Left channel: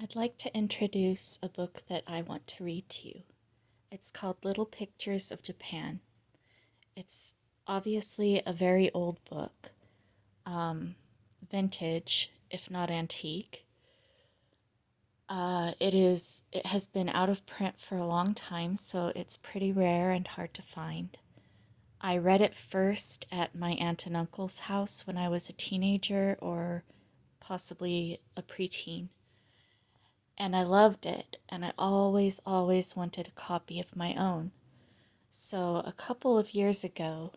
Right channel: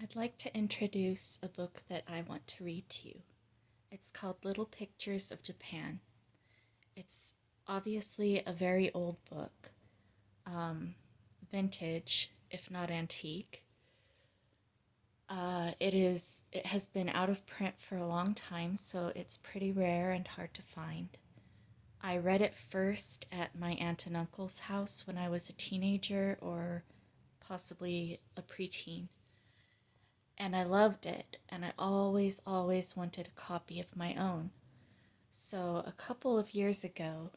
I'd like to introduce a book that I want to read to you. It's called Little Pictures of Japan. It's obviously a very old book, vintage, if not antique. It has been out of print for a long time, so it's pretty rare and hard to find. I read it first at my aunt and uncle's house when I was a teenager or possibly a preteen. And I loved it, and I always wanted a copy of my own. So a couple of years ago,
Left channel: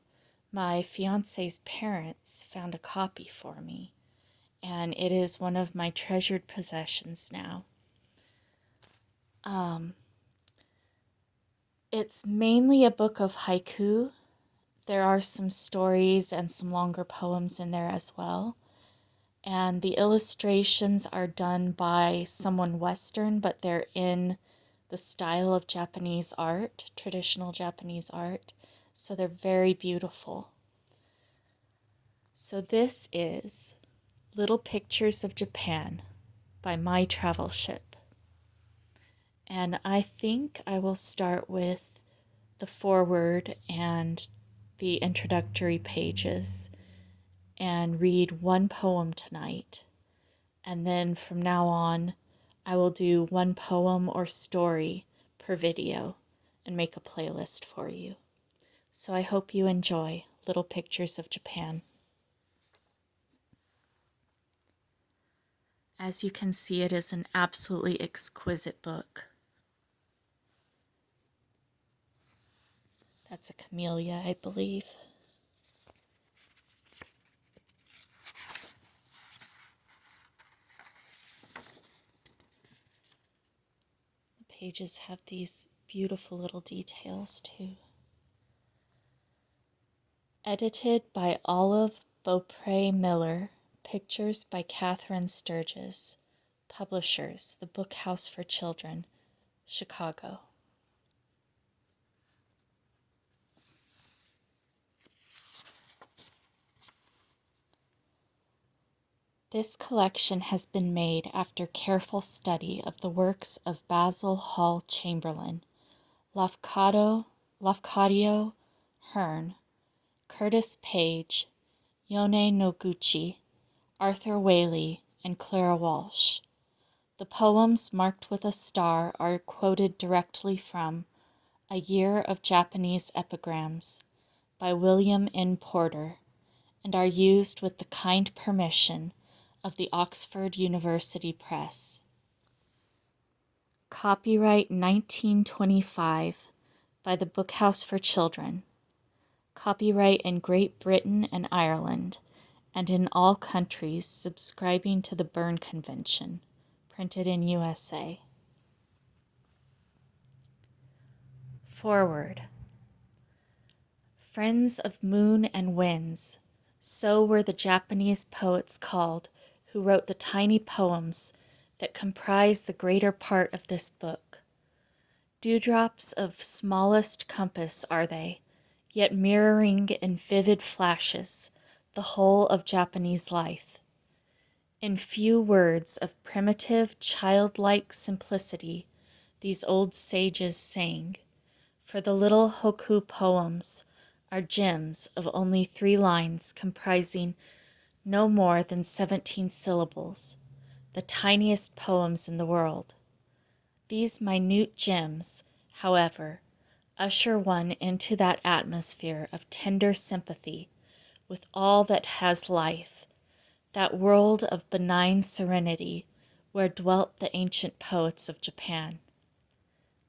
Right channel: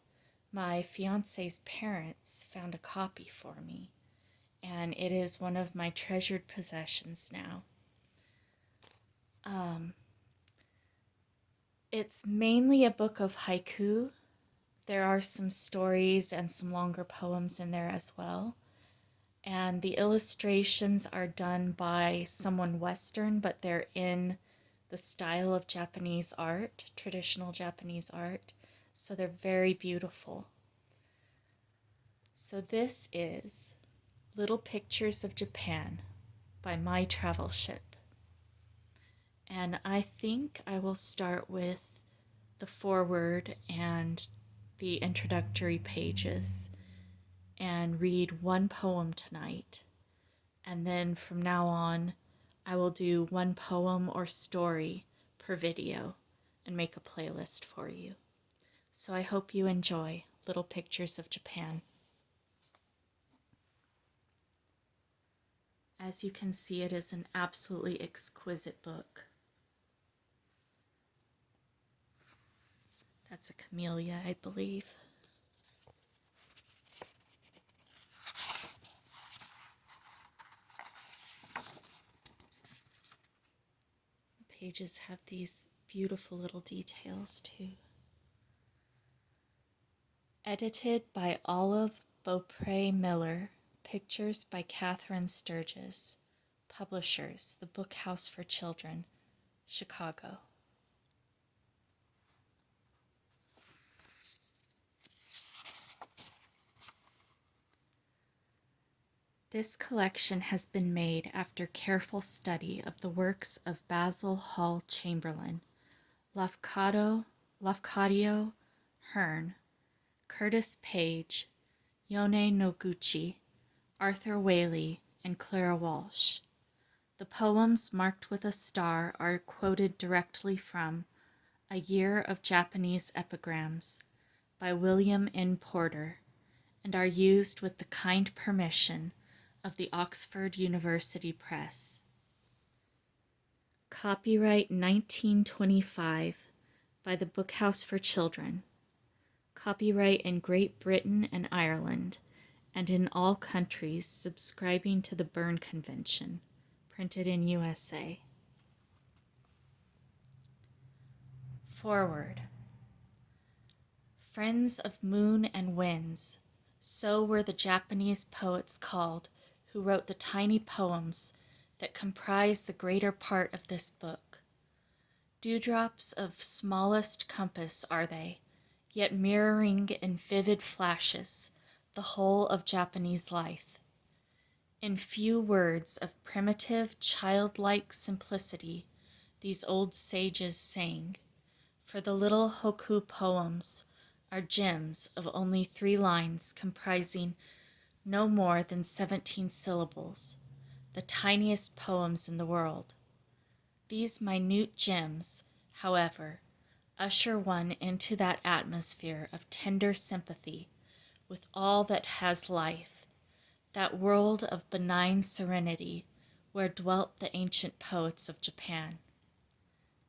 my fiance's parents found a copy for me, and it is one of my treasured possessions now. It's mainly a book of haiku. There are some stories and some longer poems in there as well. And the illustrations are done by someone Western, but they're in the style of Japanese art, traditional Japanese art. So they're very beautiful. So this is Little Pictures of Japan by My Travelship. And I think I will start with the foreword and the introductory pages and read one poem tonight. And then from now on, I will do one poem or story per video and make a playlist for you. So I hope you enjoy Little Pictures of Japan. As you can see, it is an absolutely exquisite book. That's a camellia, I believe. The pages have these beautiful little details too. Edited by Olive Beaupre Miller. Pictures by Catherine Sturgis. Publishers, The Book House for Children, Chicago. This collection has been made after careful study of the works of Basil Hall Chamberlain, Lafcadio Hearn, Curtis Page, Yone Noguchi, Arthur Whaley, and Clara Walsh. The poems marked with a star are quoted directly from A Year of Japanese Epigrams by William N. Porter and are used with the kind permission of the Oxford University Press. Copyright 1925 by the Book House for Children. Copyright in Great Britain and Ireland and in all countries subscribing to the Berne Convention. Printed in USA. Forward. Friends of moon and winds, so were the Japanese poets called who wrote the tiny poems that comprise the greater part of this book. Dewdrops of smallest compass are they, yet mirroring in vivid flashes the whole of Japanese life. In few words of primitive, childlike simplicity, these old sages sang, for the little hokku poems are gems of only 3 lines comprising no more than 17 syllables, the tiniest poems in the world. These minute gems, however, usher one into that atmosphere of tender sympathy with all that has life, that world of benign serenity where dwelt the ancient poets of Japan.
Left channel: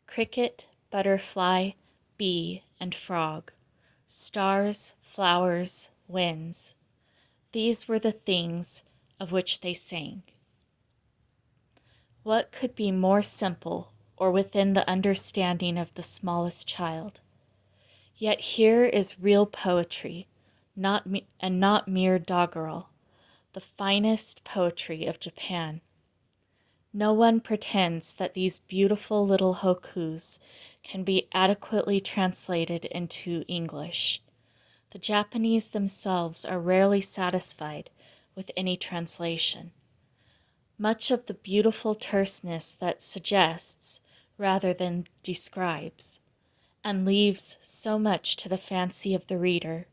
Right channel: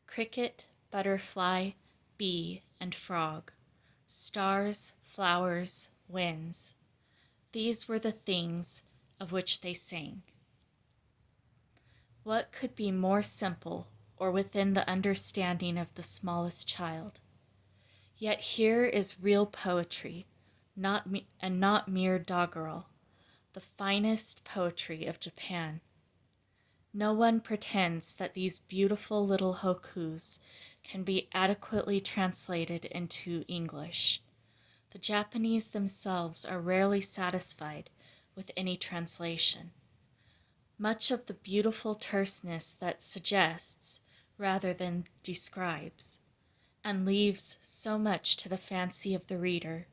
Cricket, butterfly, bee, and frog, stars, flowers, winds, these were the things of which they sang. What could be more simple or within the understanding of the smallest child? Yet here is real poetry, not mere doggerel, the finest poetry of Japan. No one pretends that these beautiful little hokkus can be adequately translated into English. The Japanese themselves are rarely satisfied with any translation. much of the beautiful terseness that suggests rather than describes, and leaves so much to the fancy of the reader,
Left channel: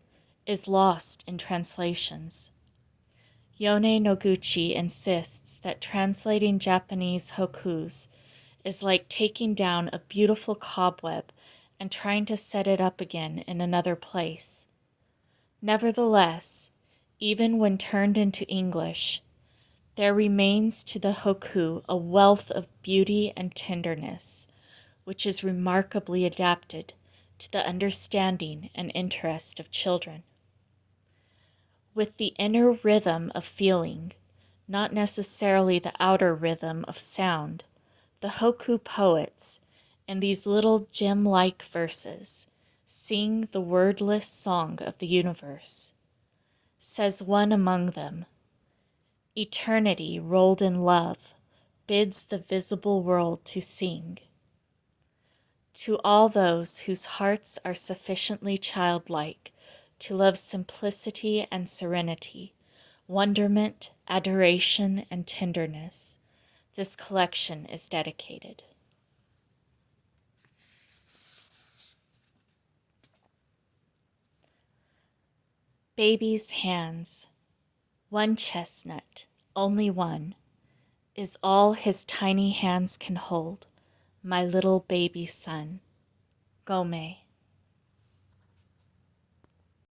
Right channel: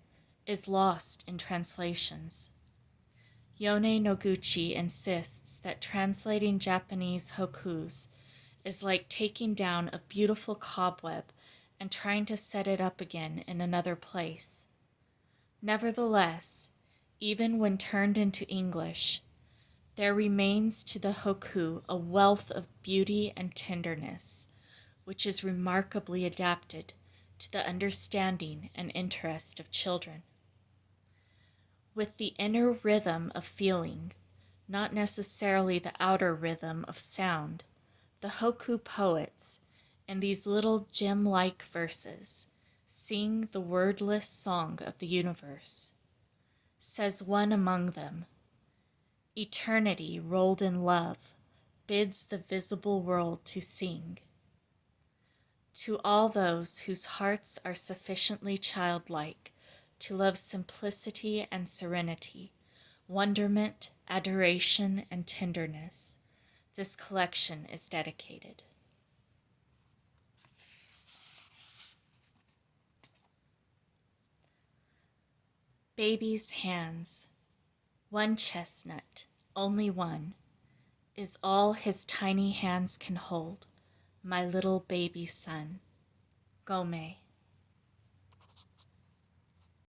is lost in translations. Yone Noguchi insists that translating Japanese haikus is like taking down a beautiful cobweb and trying to set it up again in another place. Nevertheless, even when turned into English, there remains to the haiku a wealth of beauty and tenderness, which is remarkably adapted to the understanding and interest of children. With the inner rhythm of feeling, not necessarily the outer rhythm of sound, the haiku poets, in these little gem-like verses, sing the wordless song of the universe. Says one among them, "Eternity rolled in love bids the visible world to sing." To all those whose hearts are sufficiently childlike to love simplicity and serenity, wonderment, adoration, and tenderness, this collection is dedicated. Baby's hands. One chestnut, only one, is all his tiny hands can hold, my little baby son. Gome.